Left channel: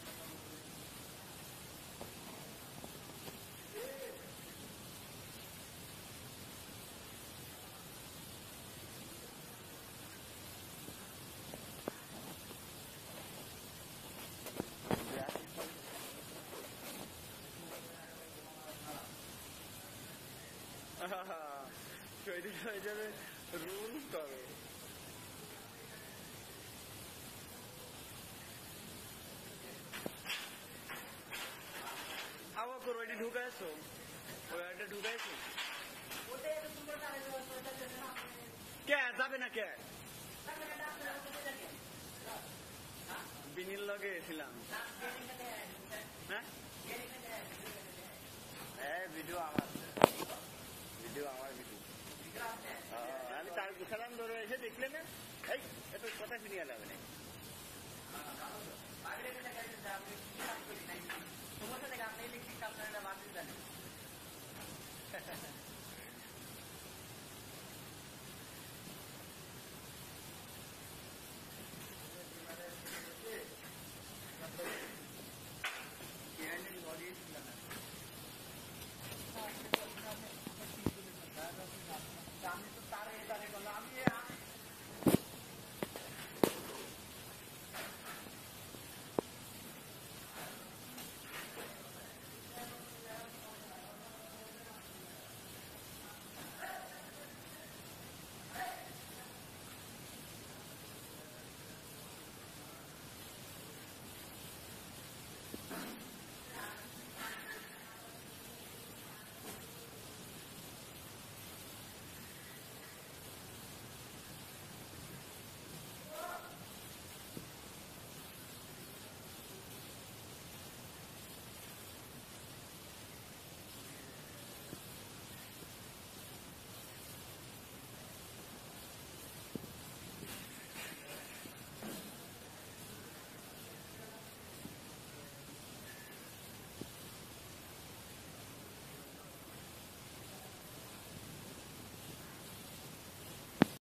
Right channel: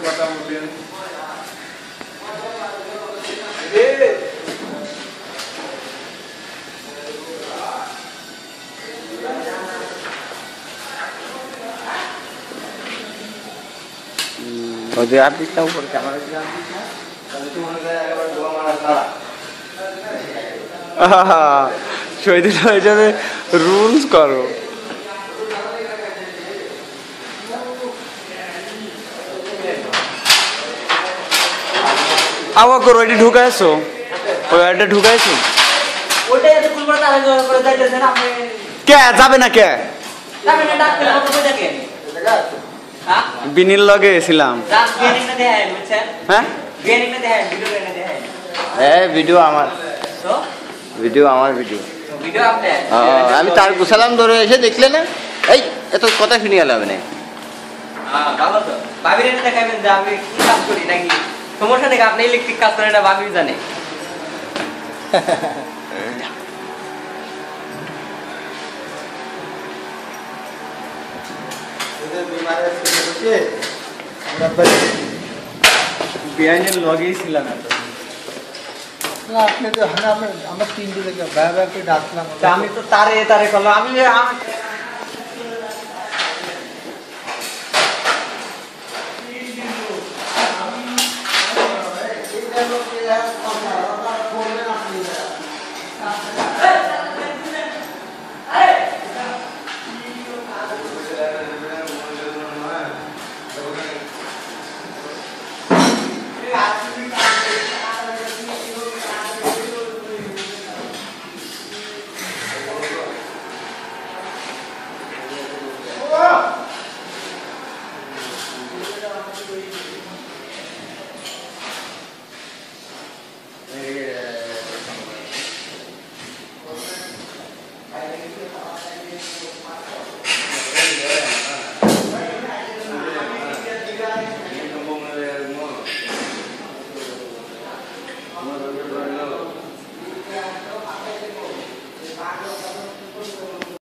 কথা বললেন ওদের আর দিকটা উপরে ক্যামেরা দিকে আর দিক না তাহলে তো মনে হয় একবার দোয়া মারা তারা শহীদ হয়ে যাবে রুলস করো আওয়া করো এটি ঢুকাইছো ওই এটা ঢুকাইছো ওইটাই এত ফুল করে তারা জোর করে যাইতেছেন আপনি কে যাবে না কে যাবেন না ডাকতে কত কই দেখেন হ্যাঁ বিনিল লগে ছিলাম রাত গেনিং না দেখায় বুঝছেন হ্যাঁ গেনিং না দেখায় ভিডিও না দেখায় ভিডিও আমার তো ভিডিও আমার ভিডিও ভিডিও আপনি আমি তার গুছালাম ধরে এসে দেখলে না এই এত কথা শুনি গেল হবে না হ্যাঁ ভালো তো ভাবির এনে দেখাবেন যে আমি কি কাজ করি নাকি সমস্যা নেই আপনি ইলেকট্রিক কাজ করেন না ভাবি জানে বিআইনের লগেই ছিলাম এত আপনি তো আমরা তিনটে থেকে ভাই করে ডাকলাম আমি তো তারে তারে করলাম আমি